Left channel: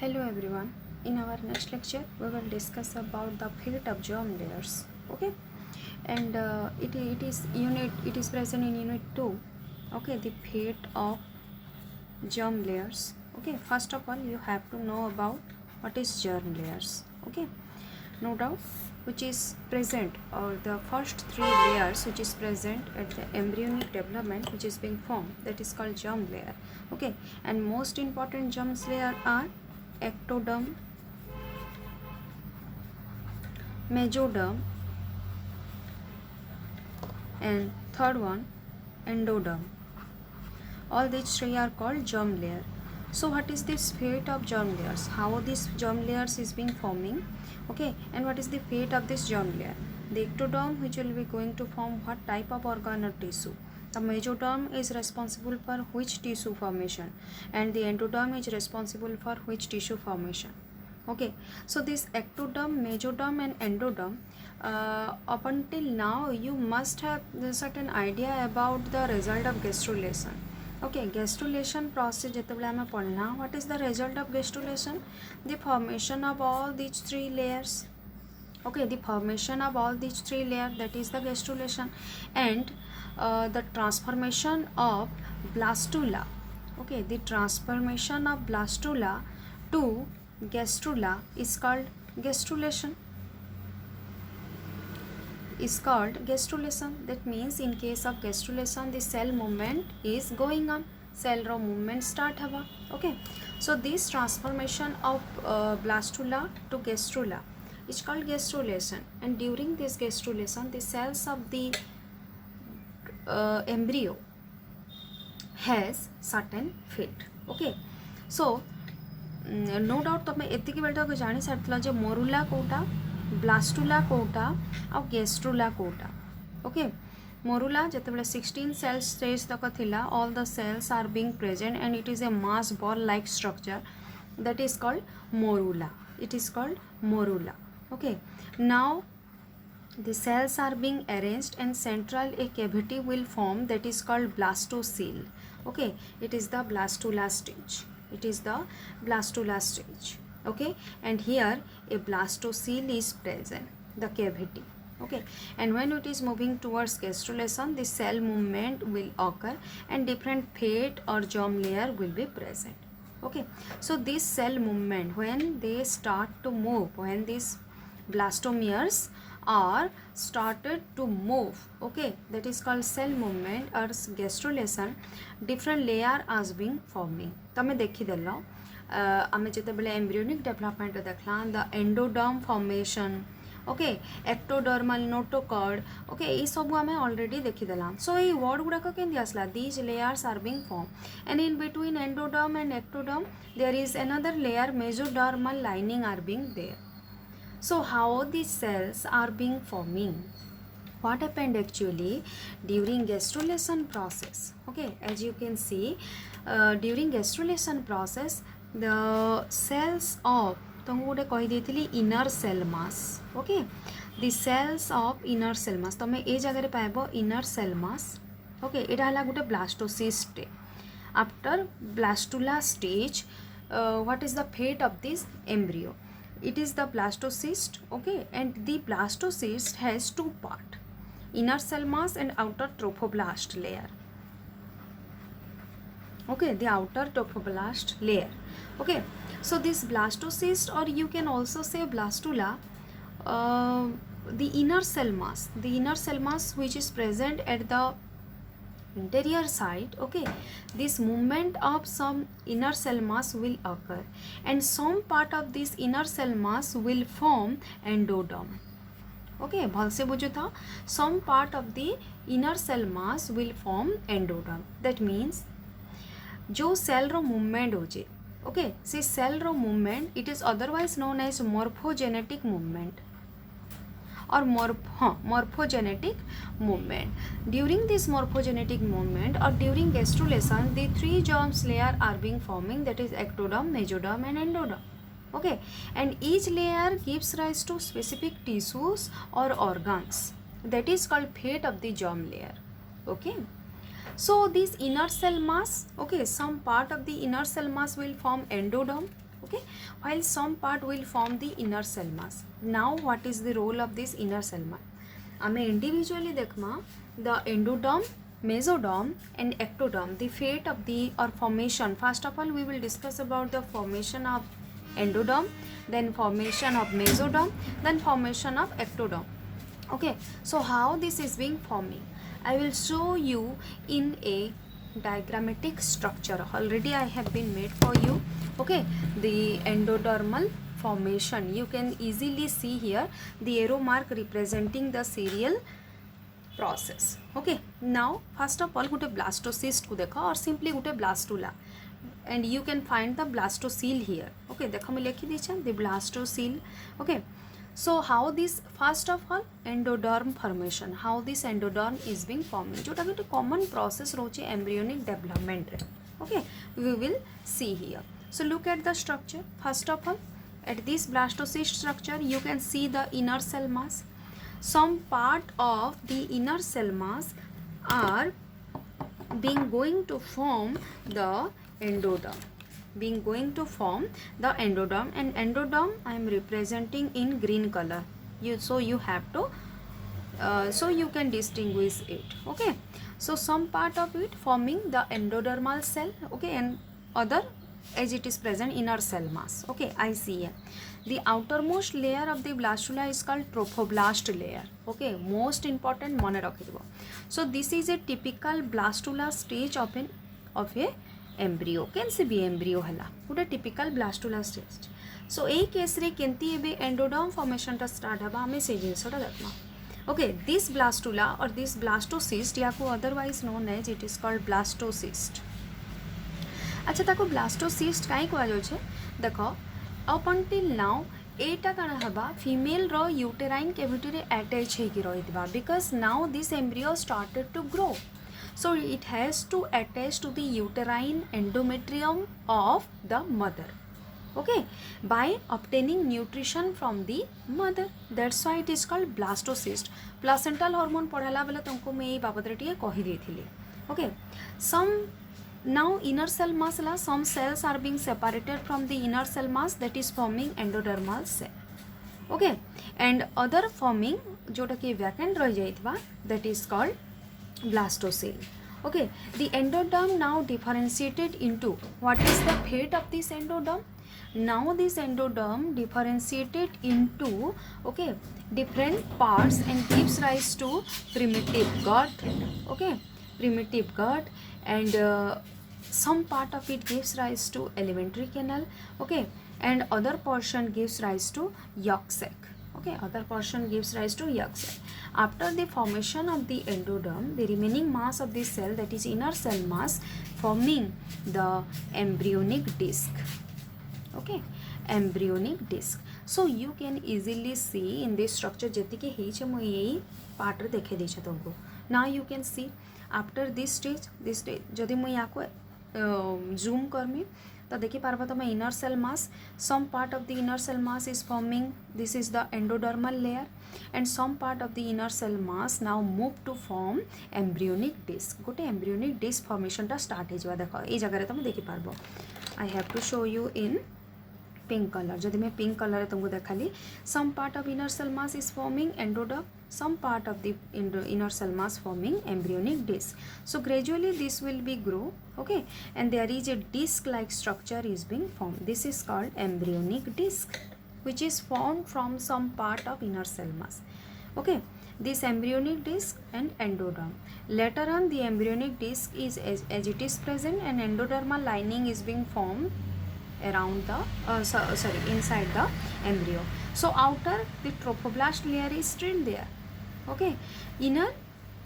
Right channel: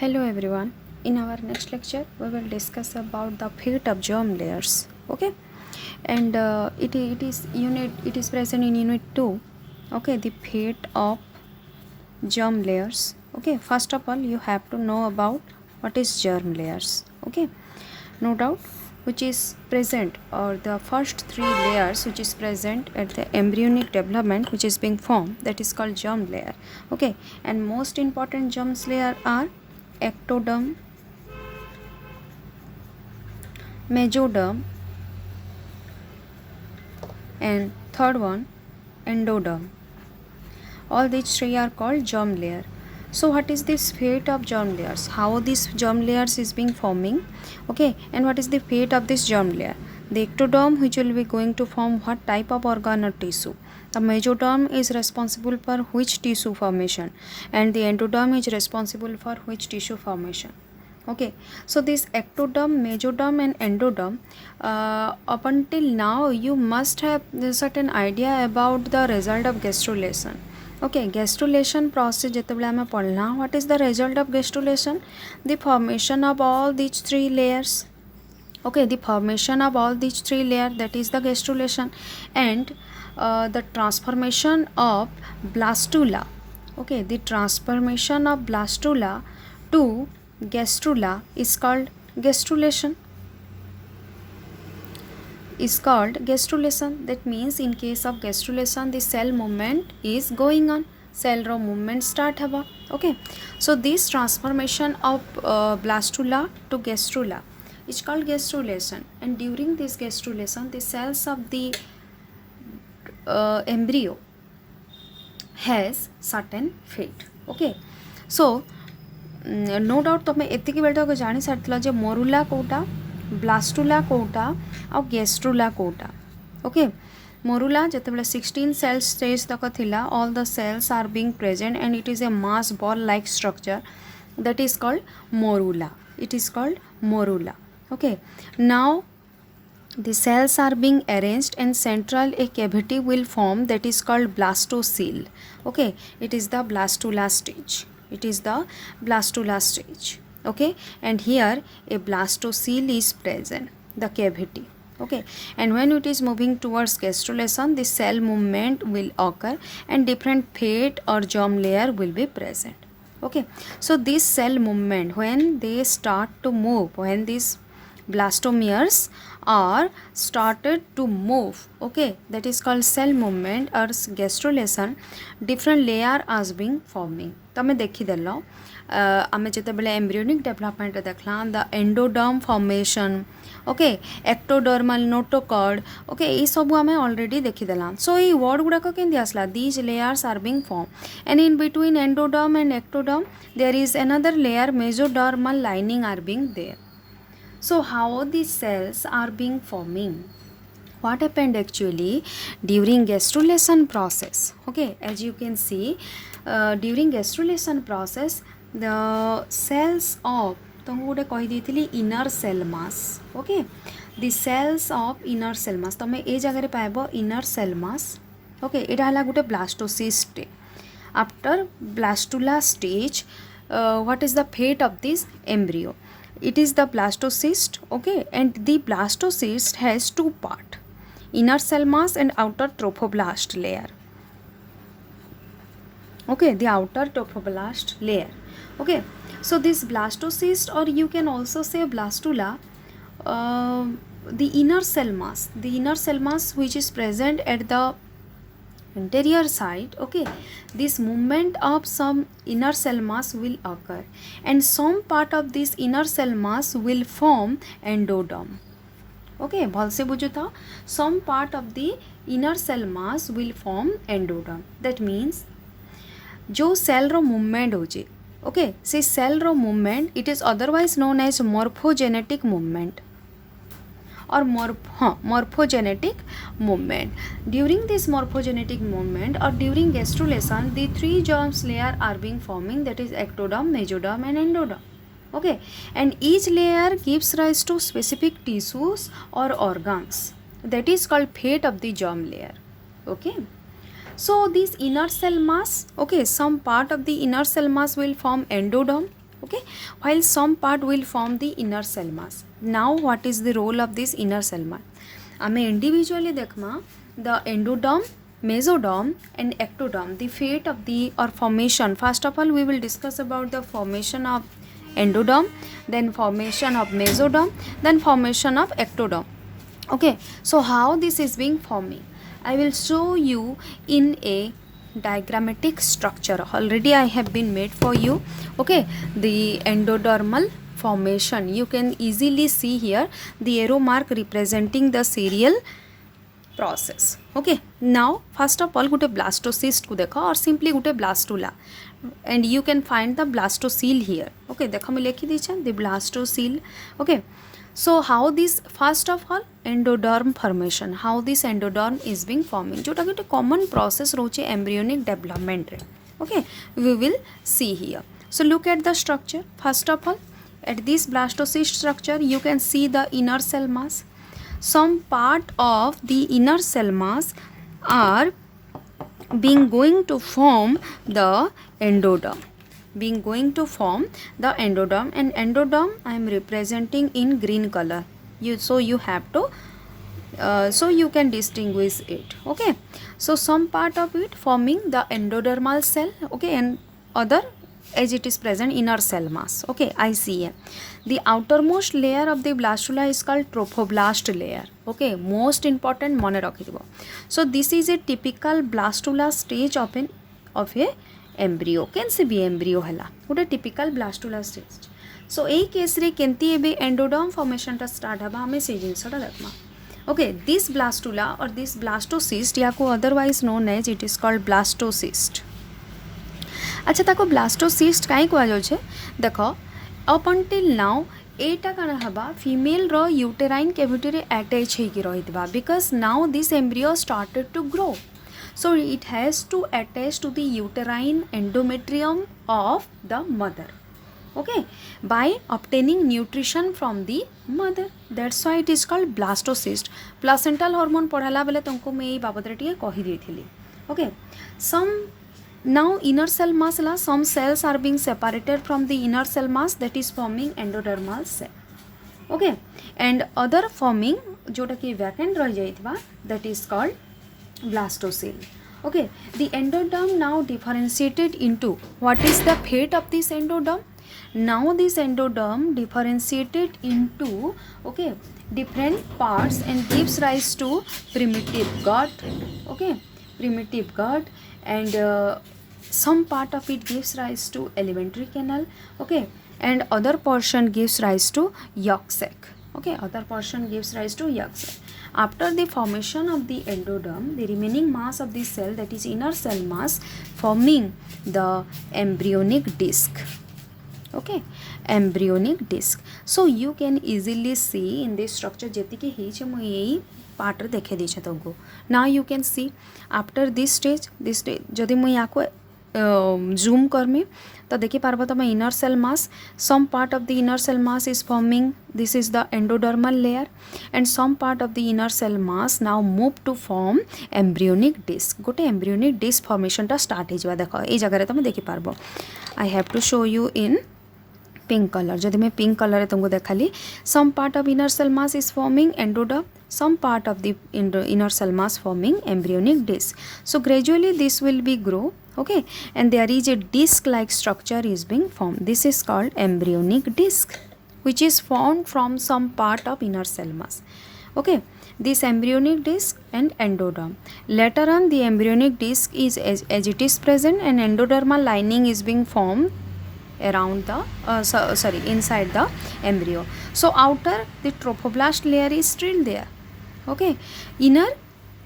Hello everyone. In our next lecture, we will discuss about the fate of germ layers. Okay, and it is present in unit 2. Okay, the fate of germ layers. Okay, first of all, you have to know about what is germ layers. Okay, no doubt, which is present, or the first three layers which is present at the embryonic development, which is being formed, that is called germ layer. Okay, and most important germs layer are ectoderm, mesoderm, and third one endoderm. All these three are called germ layer. So what is this fate of germ layers? How this germ layers is being forming? Okay, and what is the fate of this germ layer? The ectoderm, which will be going to form what type of organ or tissue? The mesoderm is responsible for which tissue formation, and the endoderm is responsible for which tissue formation. Okay, so this ectoderm, mesoderm, and endoderm, up until now you must have a certain idea about the result of gastrulation. Okay, gastrulation process जेतेबेले आमे पढ़ना, what is the result of gastrulation? The formation of all these three layers. Okay, the formation of all these three layers, that is the gastrulation, and the transformation of blastula. Okay, the transformation of blastula to gastrula is called gastrulation. That means in case of gastrulation, the cell movement is going on. Cell ro movement start haba. Okay, so this transformation of blastula to gastrula is called gastrulation, and during this gastrulation, the cells of the embryo has certain fate. Okay, so no doubt तुम एतिक बेटा को जानी सारी जे morula कोटा, blastula कोटा आ गेस्ट्रुला कोटा. ओके, मोरुला जिते 16 सेल्स स्टेज तक थिला, all the cells are being present and it is a mass ball like structure, that is called morula. It is called morula. Okay, now the cells are being arranged and central a cavity will form, that is called blastocele. Okay, it is the blastula stage. Okay, and here a blastocele is present, the cavity. Okay, and when it is moving towards gastrulation, the cell movement will occur and different fate or germ layer will be present. Okay, so this cell movement, when they start to move, when these blastomeres are started to move, okay, that is called cell movement or gastrulation, different layer as being forming. तमें देखी देलो आमे जेते बेले embryonic development देखला the endoderm formation, okay, ectodermal notochord, okay, ये सब आमे ऑलरेडी देखी देला. सो ये वर्ड गुड़ा को केंदी आसला, these layers are being form and in between endoderm and ectoderm there is another layer, mesodermal lining are being there. So how these cells are being forming? What happened actually during gastrulation process? Okay, as you can see, during gastrulation process, the cells of तुमको गोटे कहीदी inner cell mass. Okay, the cells of inner cell mass तुम ए जगह पाइब inner cell mass. Okay, यहाँ है गोटे blastocyst. After blastula stage, what is the fate of this embryo? It is the blastocyst. Okay, and the blastocyst has two parts, inner cell mass and outer trophoblast layer. Okay, the outer trophoblast layer. Okay, so this blastocyst, or you can also say blastula, the inner cell mass which is present at the interior side. Okay, this movement of some inner cell mass will occur and some part of this inner cell mass will form endoderm. Okay, भल से बुझो था, some part of the inner cell mass will form endoderm. That means जो cell रो movement होचे, okay, से cell रो movement it is otherwise known as morphogenetic movement or morphogenetic movement. During this morphogenetic movement or during gastrulation, the three germs layer are being forming, that is ectoderm, mesoderm, and endoderm. Okay, and each layer gives rise to specific tissues or organs, that is called fate of the germ layer. Okay, so this inner cell mass, okay, some part of the inner cell mass will form endoderm, okay, while some part will form the inner cell mass. Now what is the role of this inner cell mass? आमे individually देखमा the endoderm, mesoderm and ectoderm, the fate of the or formation. First of all we will discuss about the formation of endoderm, then formation of mesoderm, then formation of ectoderm. Okay, so how this is being forming, I will show you in a diagrammatic structure. Already I have been made for you. Okay, the endodermal formation, you can easily see here the arrow mark representing the serial process. Okay, now first of all गोटे blastocyst को देख और simply गोटे blastula, and you can find the blastocele here. Okay, देख मैं लिखी दीछे the blastocele. Okay, so how this, first of all endoderm formation, how this endoderm is being forming, जोटा गोटे common process रोचे embryonic development रे. Okay, we will see here. So look at the structure. First of all, at this blastocyst structure you can see the inner cell mass. Some part of the inner cell mass are being going to form the endoderm, and endoderm I am representing in green color. So you have to so you can distinguish it. Okay, so some part of it forming the endodermal cell, okay, and other as it is present inner cell mass. Okay, I see here. The outermost layer of the blastula is called trophoblast layer. Okay, most important mone rakhidibo. So this is a typical blastula stage of a embryo. Can see be embryo hela gote typical blastula stage. So ei case re kenti ebe endoderm formation ta start haba ame se jinsa ta देखमा. Okay, this blastula or this blastocyst या को otherwise known as it is called blastocyst. अच्छा ताको blastocyst कहीं कहुचे देख up until now एटा कण हबा female रो यूटेराइन कैविटी रे अटैच होगी रहितबा because now this embryo started to grow, so it has to attach to the uterine endometrium of the mother, okay, by obtaining nutrition from the mother. That's why it is called blastocyst. Placental hormone पढ़ाला बेले तुमको मैं ये बाबत रे टिके कहि देथिली. Okay, some now inner cell mass la some cells are being separated from the inner cell mass that is forming endodermal cell. Okay, and other forming जोटा कि vacant रह जाइतबा that is called blastocele. Okay, the endoderm now differentiated into, what is the fate of this endoderm? Now this endoderm differentiated into, okay, different parts and gives rise to primitive gut. Okay, primitive gut, and some part of it gives rise to alimentary canal. Okay, and other portion gives rise to yolk sac. Okay, other portion gives rise to yolk sac. After the formation of the endoderm, the remaining mass of the cell, that is inner cell mass, forming the embryonic disc. Okay, embryonic disc. So you can easily see in this structure जेतिकी हेचे मु यही part रे देखे दीछे तुमको. Now you can see after this stage जदि मु या को zoom करमी तो देखि पारबो तमे inner cell mass, some part of the inner cell mass is forming, this is the endodermal layer, and some part of the inner cell mass now move to form embryonic disc. गोटे embryonic disc formation टा start हेजवा देखो ए जगह रे तमे देखि पारबो. I have to show you in pink color. जदि मैं pink color तुमको देखाली, some part of inner cell mass is forming endoderm, some part of the inner cell mass forming embryonic disc. So gradually this will be grow, okay, and there is a disc like structure is being formed. This is called embryonic disc, which is formed from some part of inner cell mass. Okay, this embryonic disc and endoderm. Later on the embryonic disc is as it is present, and endodermal lining is being formed around the inside the embryo. So outer the trophoblast layer is still there. Okay, inner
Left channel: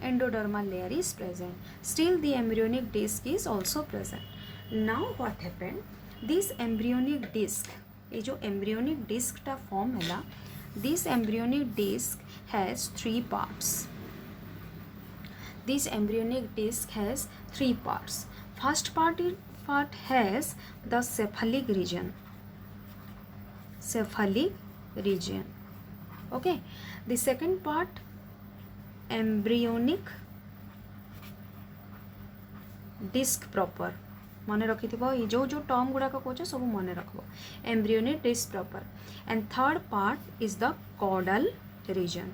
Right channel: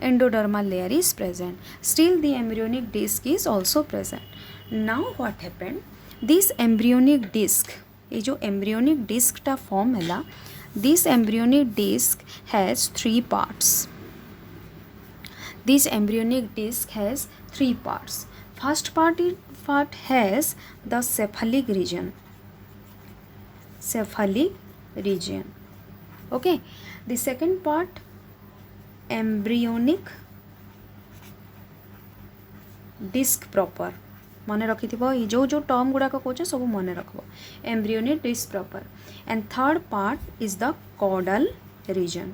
endodermal layer is present, still the embryonic disc is also present. Now what happened, this embryonic disc, ये जो embryonic disc टा form हैला, this embryonic disc has three parts. This embryonic disc has three parts. First part has the cephalic region. Okay, the second part embryonic disc proper. मन रखिथिबो जो जो term गुड़ाक कौच सब मन रखब embryonic disc proper and third part is the caudal region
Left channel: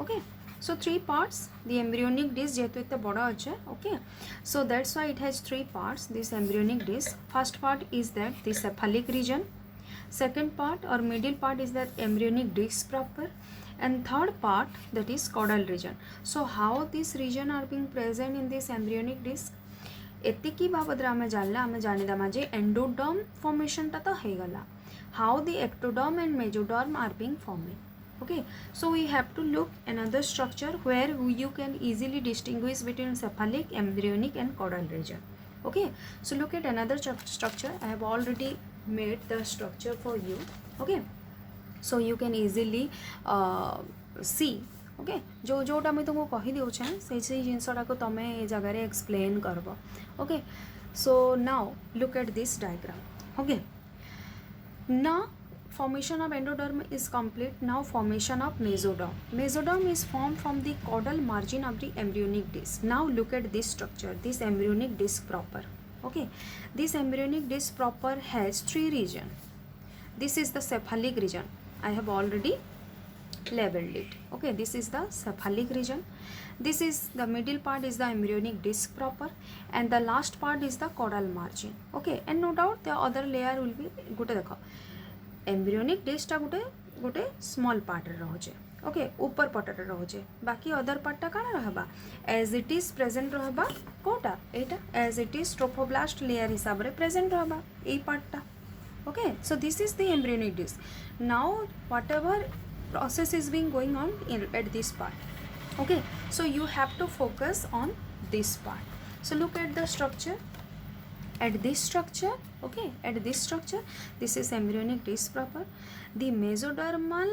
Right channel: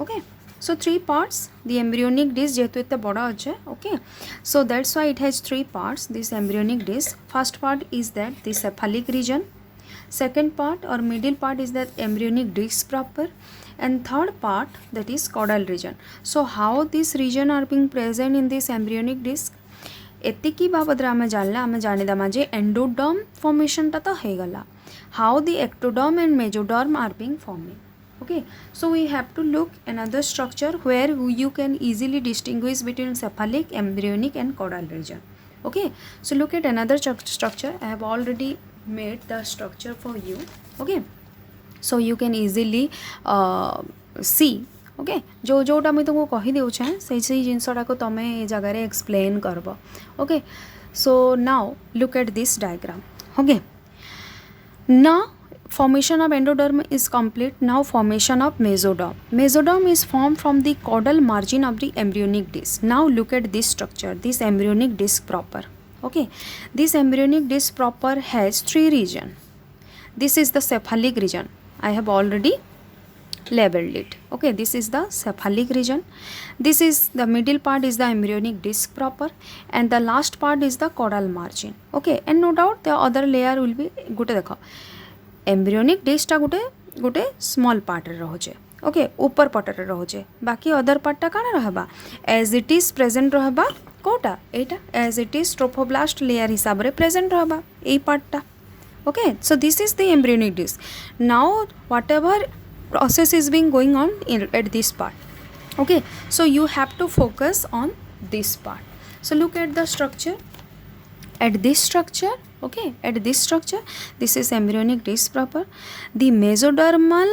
okay so three parts the embryonic disc जेहेतु इतना बड़ा अच्छे okay so that's why it has three parts this embryonic disc first part is that the cephalic region second part or middle part is that embryonic disc proper and third part that is caudal region so how this region are being present in this embryonic disc एतिकी बाबद आम जानला आम जानीदमा जे endoderm formation टा तो हो गला how the ectoderm and mesoderm are being forming okay so we have to look another structure where you can easily distinguish between cephalic embryonic and caudal region okay so look at another structure I have already made the structure for you okay so you can easily see okay जो जोटा मुझे तुमको कही देउछे से जिनसटा को तमे ए जगह रे एक्सप्लेन करबो okay so now look at this diagram okay now formation of endoderm is complete now formation of mesoderm is formed from the caudal margin of the embryonic disc now look at this structure this embryonic disc proper okay this embryonic disc proper has three region this is the cephalic region I have already labeled it okay this is the cephalic region this is the middle part is the embryonic disc proper and the last part is the caudal margin okay and no doubt the other layer will be गोटे देख embryonic disc गोटे गोटे small part रे रहुचे okay ऊपर पट रे रहुचे बाकी other पार्टा काना रहबा एज इट इज प्रेजेंट रहबा कोटा एटा as it is trophoblast layer हिसाब रे प्रेजेंट रहबा ए पार्टा okay so this is the embryonic disc now whatever process is being going on at this part okay so you have to focus on this part so look at the structure at this structure okay at this structure this is embryonic disc proper the mesodermal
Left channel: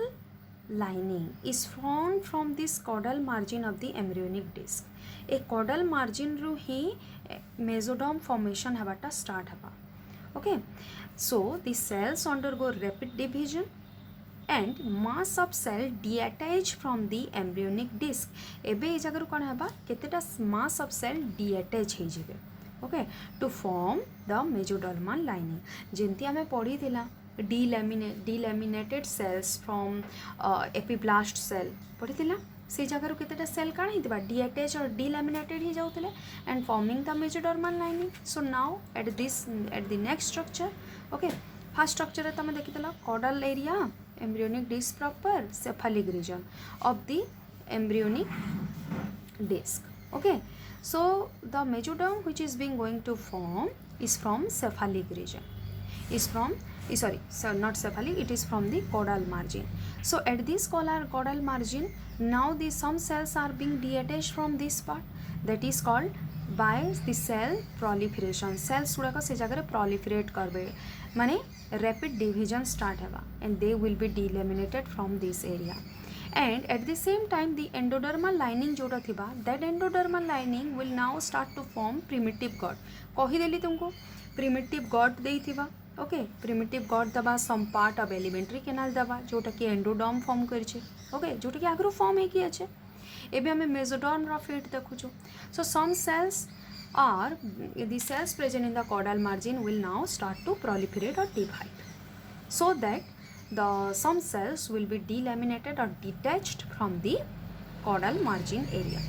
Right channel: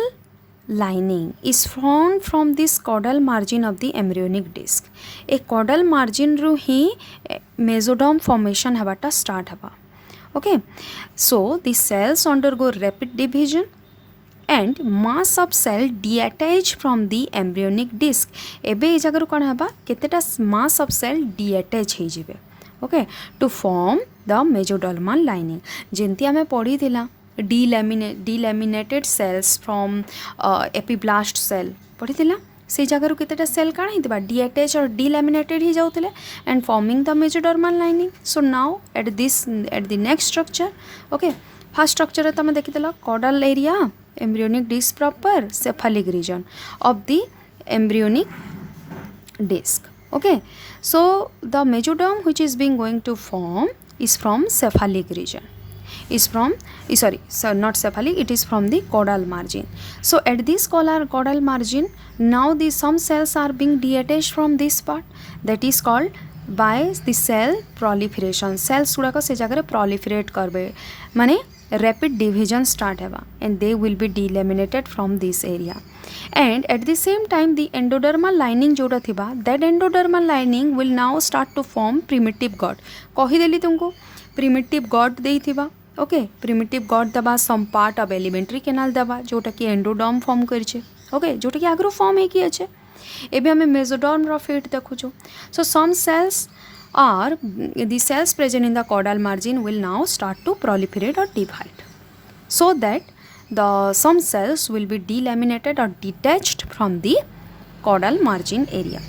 lining is formed from this caudal margin of the embryonic disc a caudal margin ru hi mesoderm formation habata start haba okay so the cells undergo rapid division and mass of cell detach from the embryonic disc ebe ए जगह कौन है केतेटा mass of cell detach हो जिवे okay to form the mesodermal lining जेंती आमे पढ़ी थिला delaminated cells from epiblast cell पढ़ी थिला से जगह केतेटा सेल काण हितबा डिअटैच और डिलैमिनेटेड ही जाउतले and forming the mesodermal lining so now at the next structure okay first structure तुम देखिदेल caudal area embryonic disc proper cephalic region of the embryonic disc okay so the mesoderm which is being going to form is from cephalic region is from not cephalic it is from the caudal margin so at this caudal margin now the some cells are being detached from this part that is called by the cell proliferation cells गुड़ाक से जगह proliferate करबे माने rapid division start हेबा and they will be delaminated from this area and at the same time the endodermal lining जोड़ा थिबा that endodermal lining will now start to form primitive gut कही देली तुमको primitive gut देई थिबा okay primitive gut दबा some part of alimentary canal दबा जोटा कि endoderm form करछे ओके जोटा कि आगरो form है कि अच्छे एबे हमें mesoderm row fate देखुछु so some cells are the cells present in the caudal margin will now start to proliferate or divide so that the some cells will be delaminated or detached from the caudal margin area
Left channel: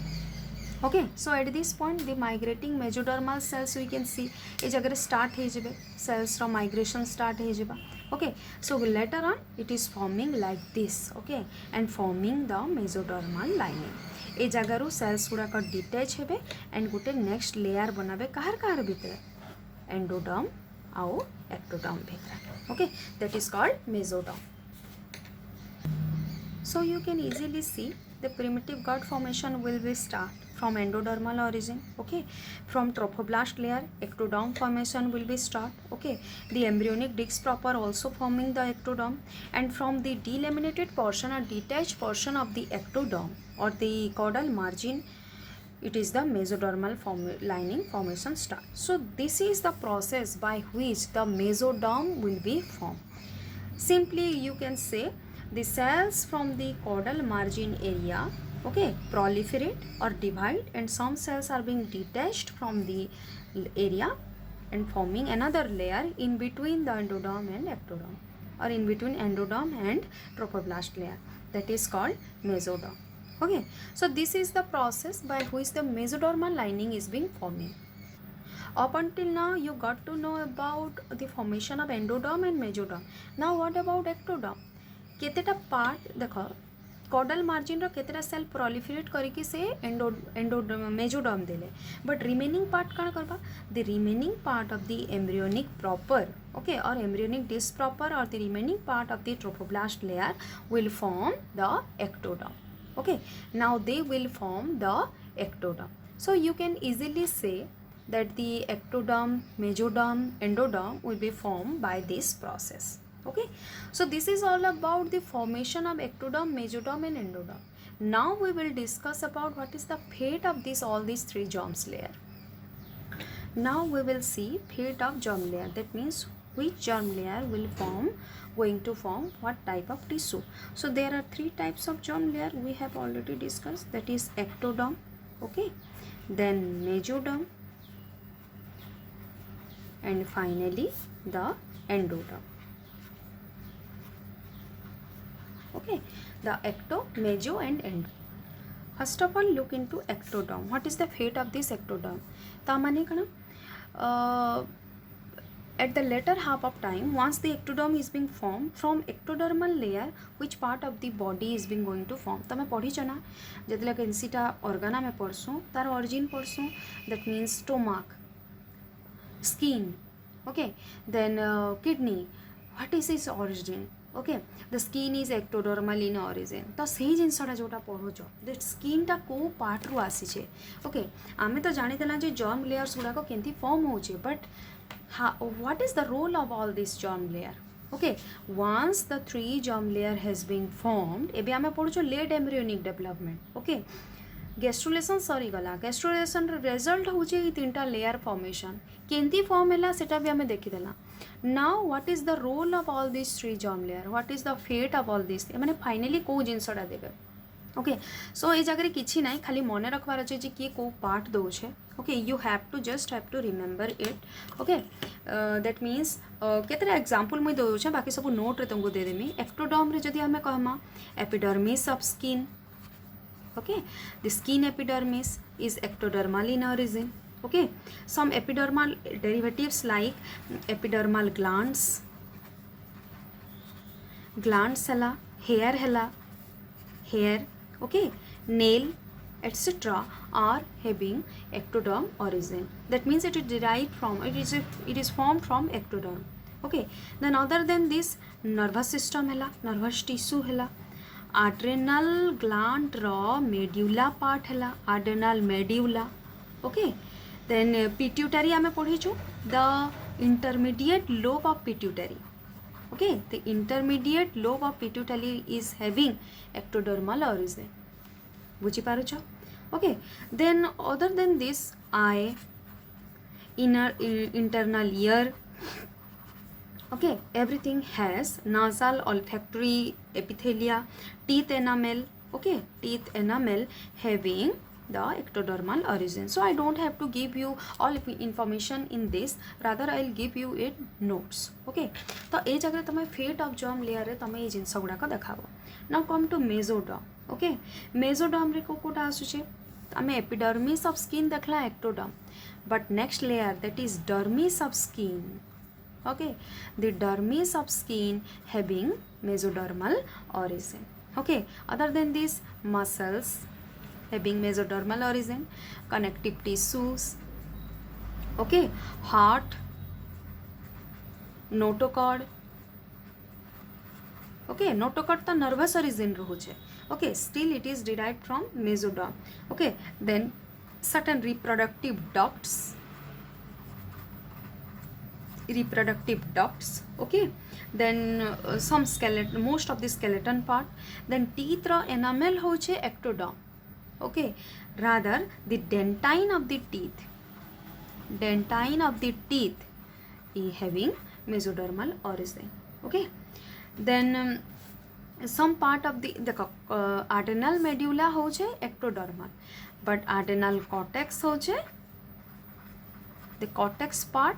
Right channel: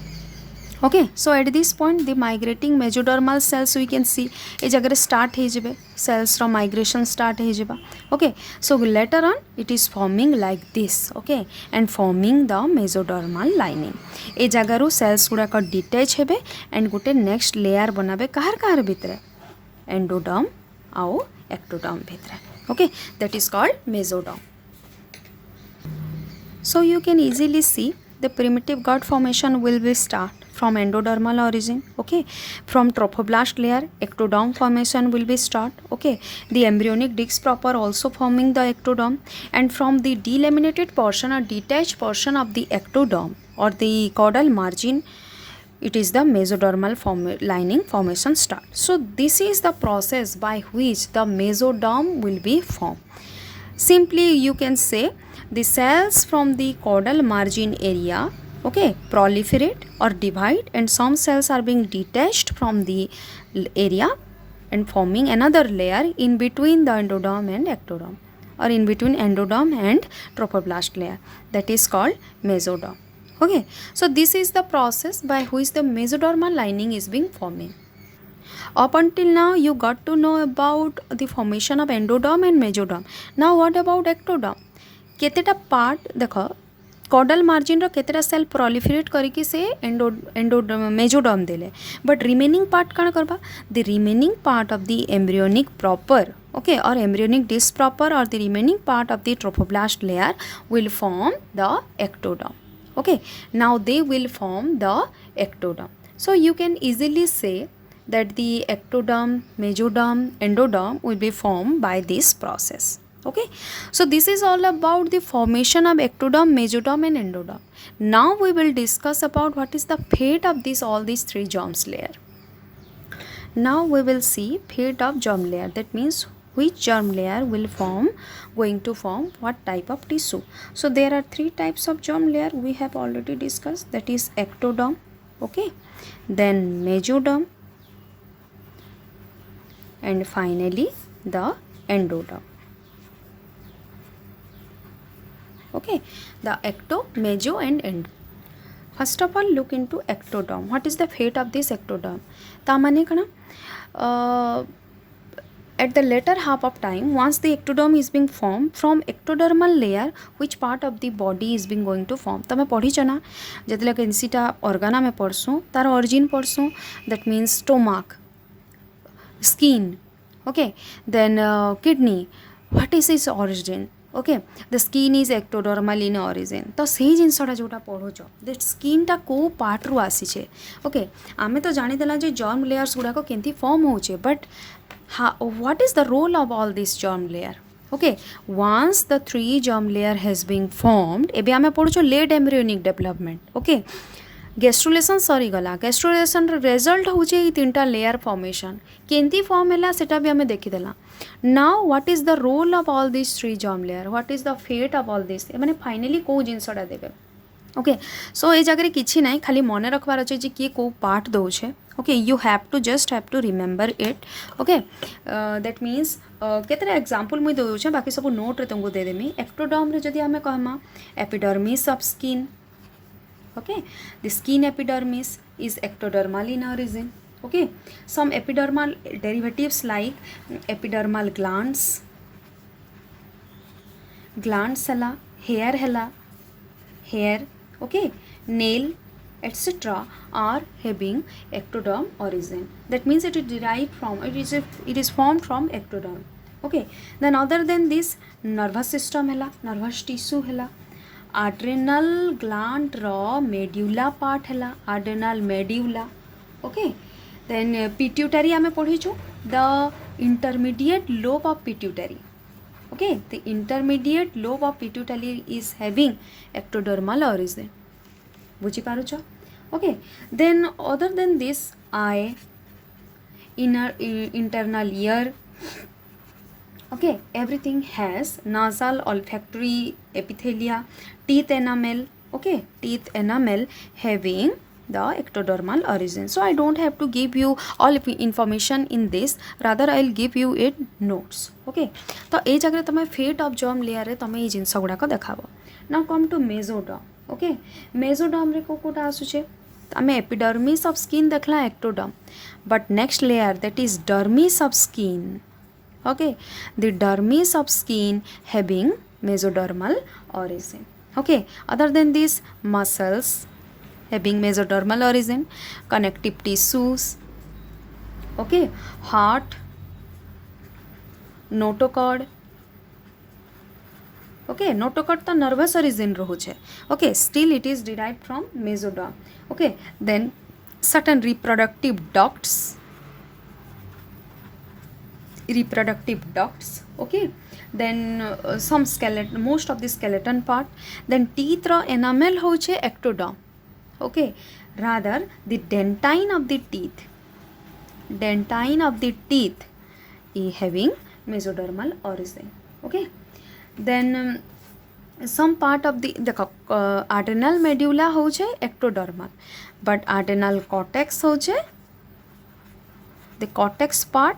okay so at this point the migrating mesodermal cells we can see ए जगह start हो जिबे cells रो migration start हो जिबा okay so later on it is forming like this okay and forming the mesodermal lining ए जगह रो cells गुडा को detach हेबे and Gute next layer बनाबे कहर भितरे endoderm आउ ectoderm भितरे okay that is called mesoderm so you can easily see the primitive gut formation will be start from endodermal origin okay from trophoblast layer ectoderm formation will be start okay the embryonic disc proper also forming the ectoderm and from the delaminated portion or detached portion of the ectoderm or the caudal margin it is the mesodermal lining formation start so this is the process by which the mesoderm will be formed simply you can say the cells from the caudal margin area okay proliferate or divide and some cells are being detached from the area and forming another layer in between the endoderm and ectoderm, or in between endoderm and trophoblast layer, that is called mesoderm. Okay, so this is the process by which the mesodermal lining is being forming. Up until now you got to know about the formation of endoderm and mesoderm. Now what about ectoderm? केतेटा part देख caudal margin रो केतेटा cell proliferate करके से endo mesoderm देले, but remaining part कण करबा, the remaining part of the embryonic proper, okay, or embryonic disc proper, or the remaining part of the trophoblast layer will form the ectoderm. Okay, now they will form the ectoderm. So you can easily say that the ectoderm, mesoderm, endoderm will be formed by this process. Okay, so this is all about the formation of ectoderm, mesoderm and endoderm. Now we will discuss about what is the fate of all these three germs layer. Now we will see fate of germ layer, that means which germ layer will going to form what type of tissue. So there are three types of germ layer we have already discussed, that is ectoderm, okay, then mesoderm, and finally the endoderm. Okay, the ecto, meso and endo. First of all, look into ectoderm. What is the fate of this ectoderm? ता माने कना at the later half of time, once the ectoderm is being formed, from ectodermal layer which part of the body is being going to form. तमे पढ़ी चना जतले केनसीटा ऑर्गाना में पढ़सो तार origin पढ़सो, that means stomach, skin, okay, then kidney, what is its origin? Okay, the skin is ectodermal in origin. तो से जिनसा जोटा पढ़ुच the स्किनटा को पार्ट्रु आसीचे. Okay, आमे तो जानीदेला जे जर्म लेयर्स गुड़ाक केमती फॉर्म होचे, but what is the role of all this germ layer? Okay, once the three germ layer has been formed, एबे आमे पढ़ुच late embryonic development. Okay, gastrulation सरीगला, गैस्ट्रुलेशन रिजल्ट होचे तीनटा लेयर फॉर्मेशन, केमती form है सेटा भी आमे देखीदेला. Now what is the role of all these three germ layer? What is the fate of all this? माने फाइनली को जिनसटा देबे. ओके, सो ए जगह किछि नाही, खाली मने रखबार अछि जे कि को पार्ट दोछे. Okay, you have to remember it. Okay, that means केतरा एग्जांपल मुई दोछे, बाकी सब नोट रे तुमको दे देमी. एक्टोडर्म रे जदि हमें कहमा epidermis of skin. Okay, the skin epidermis is ectodermal in origin. Okay, some epidermal derivatives like epidermal glands hela, hair, okay, nail, etc. are having ectoderm origin. That means it is derived from, it is formed from ectoderm. Okay, then other than this, nervous system hela, nervous tissue hela, adrenal gland raw medulla part hela, adrenal medulla. Okay, then pituitary आमे पढ़ीचु, the intermediate lobe of pituitary. Okay, the intermediate lobe of pituitary is having ectodermal origin. बुझी पारुछ? Okay, then other than this, eye, internal ear, okay, everything has nasal olfactory epithelia, teeth enamel, okay, teeth enamel having the ectodermal origin. So I don't have to give you all information in this, rather I'll give you it notes. Okay, तो ए जगह तमे fate of germ layer रे तमे ए जिंस गुडा को देखाबो. Now come to mesoderm. Okay, mesoderm रे कोटा आसुचे, आमे एपिडर्मिस ऑफ स्किन देखला ectoderm, but next layer that is dermis of skin. Okay, the dermis of skin having mesodermal origin. Okay, other than this, muscles having mesodermal origin, connective tissues, okay, heart, notochord, okay, notochord तो nervous origin रहुचे. Okay, still it is derived from mesoderm. Okay, then certain reproductive ducts, okay, then some skeleton, most of the skeleton part, then teeth ro enamel होचे ectoderm. Okay, rather the dentine of the teeth is having mesodermal origin. Okay, then some part of the adrenal medulla होचे ectodermal, but adrenal cortex होचे, the cortex part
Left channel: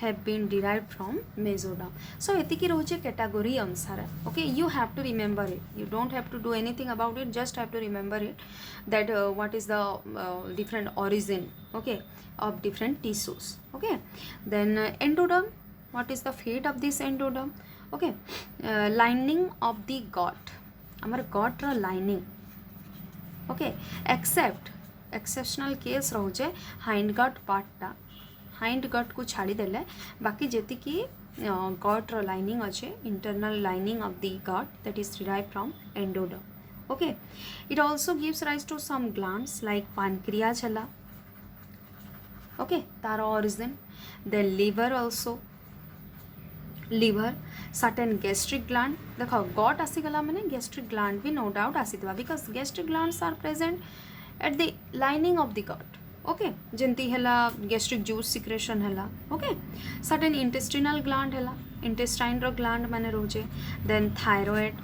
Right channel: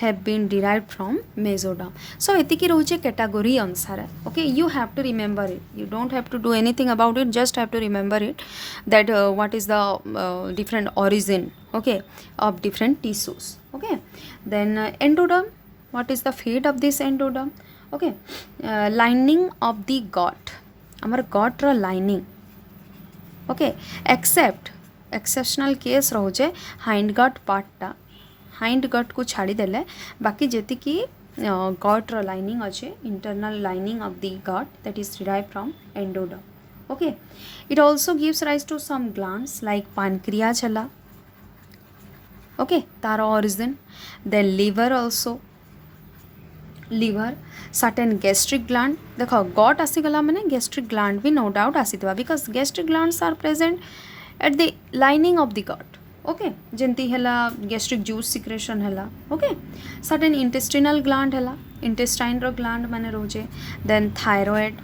have been derived from mesoderm. So etiki roche category answer. Okay, you have to remember it, you don't have to do anything about it, just have to remember it, that what is the different origin, okay, of different tissues. Okay, then endoderm, what is the fate of this endoderm? Okay, lining of the gut, amar gut ro lining, okay, except exceptional case रोचे hind gut पार्टा, hind gut को छाड़ी देले बाकी जेति की gut रो lining अच्छे, internal lining of the gut that is derived from endoderm. Okay, it also gives rise to some glands like pancreas hela, okay, तार origin, then liver also, liver, certain gastric gland, देखो गट आसीगला माने gastric gland भी no doubt आसीथिबा because gastric glands are present at the lining of the gut. Okay, जेंती हला gastric juice secretion हला, okay, certain intestinal gland हला, intestine रो gland माने रोजे, then thyroid,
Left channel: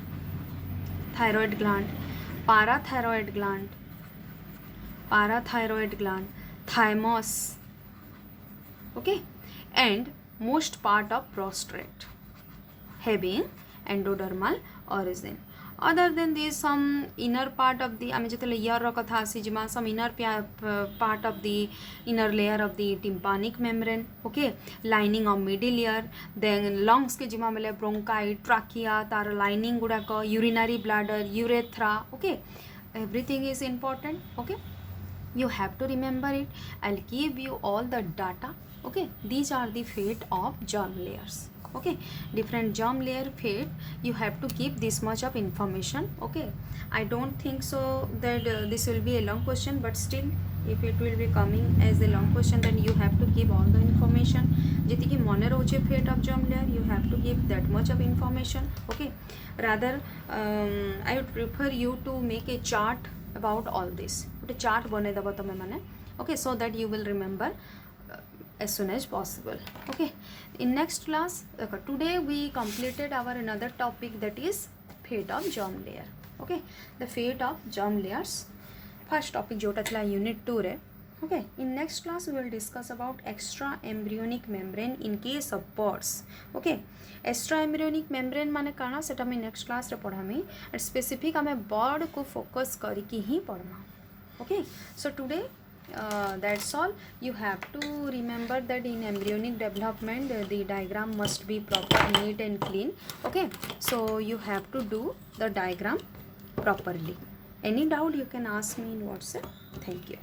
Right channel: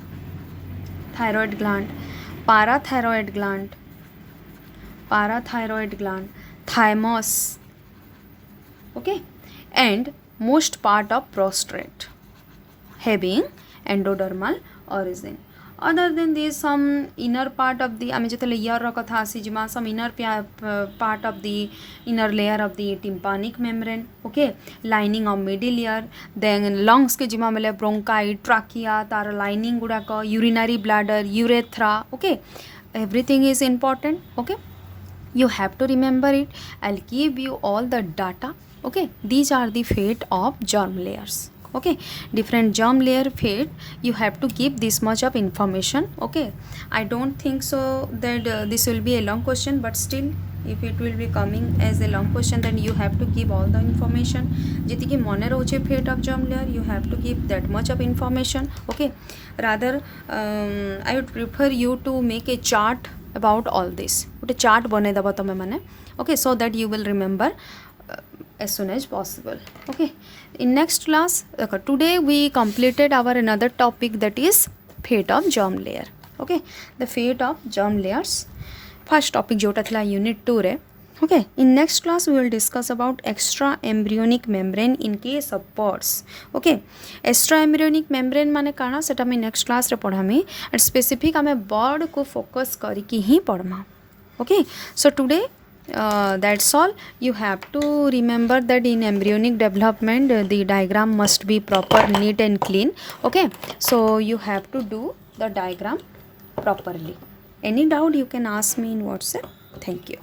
thyroid gland, parathyroid gland, parathyroid gland, thymus, okay, and most part of prostate having endodermal origin. Other than this, some inner part of the आमे जेते layer रो कथा आसी जिमा some inner part of the inner layer of the tympanic membrane, okay, lining of middle ear, then lungs के जिमा मेले bronchi, trachea तार lining गुड़ा को, urinary bladder, urethra, okay, everything is important. Okay, you have to remember it. I'll give you all the data. Okay, these are the fate of germ layers. Okay, different germ layer fate, you have to keep this much of information. Okay, I don't think so that this will be a long question, but still if it will be coming as a long question, then you have to keep all the information jeti ki mone roche fate of germ layer, you have to keep that much of information. Okay, rather I would prefer you to make a chart about all this, gote chart banai dabo tame mane, okay, so that you will remember as soon as possible. Okay, in next class, today we completed our another topic, that is fate of germ layer. Okay, the fate of germ layers, first topic jota thila unit 2 re. Okay, in next class we will discuss about extra embryonic membrane in case of birds. Okay, extra embryonic membrane माने काना सेटा मैं next class रे पढ़ामी, and specific आमे bird को focus करी की ही पढ़मा. Okay, so today that's all. You have to remember that in embryonic development the diagram must be proper, neat and clean. Okay, so you have to do the diagram properly. Any doubt you can ask me in WhatsApp. Thank you.